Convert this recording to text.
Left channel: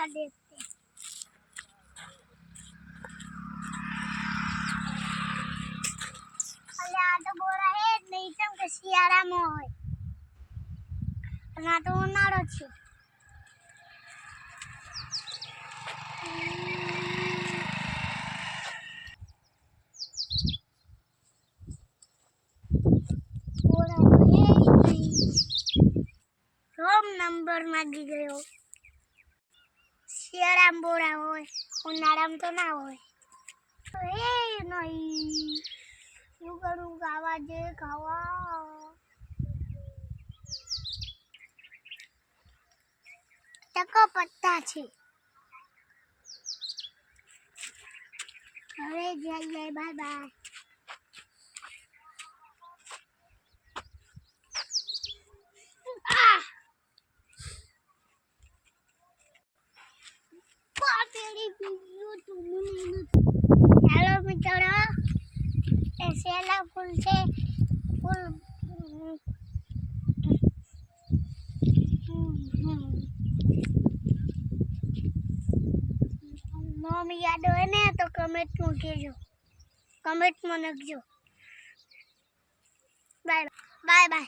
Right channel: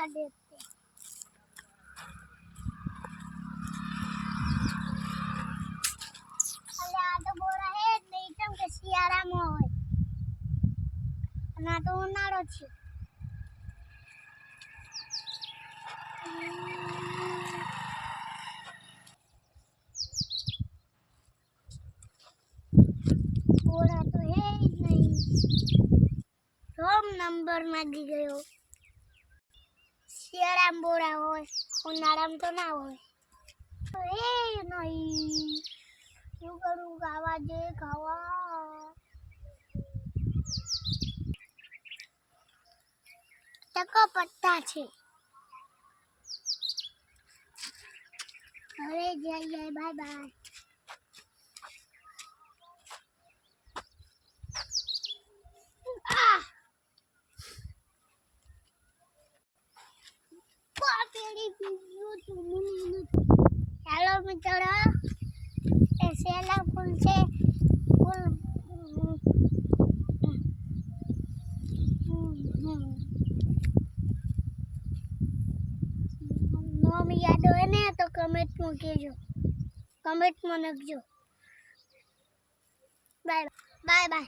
क्या देखते अरे आ तो बोरा है नहीं तम के शियारा में होय ना तो उनाळो छे बोरा तो है नहीं रोम नंबर मांगी गयो शियारा में बोरा होय उनाळा में तो ना होय तो ए नहीं यू करूँ गावा जे खावा टका पत्ता छे अरे जय जय बाय बाय हेलो मित्रों ऐसेला फूल से फूल नाम याद हो ने तो कमेंट में कहजो कमेंट में लिखजो बाय बाय बाय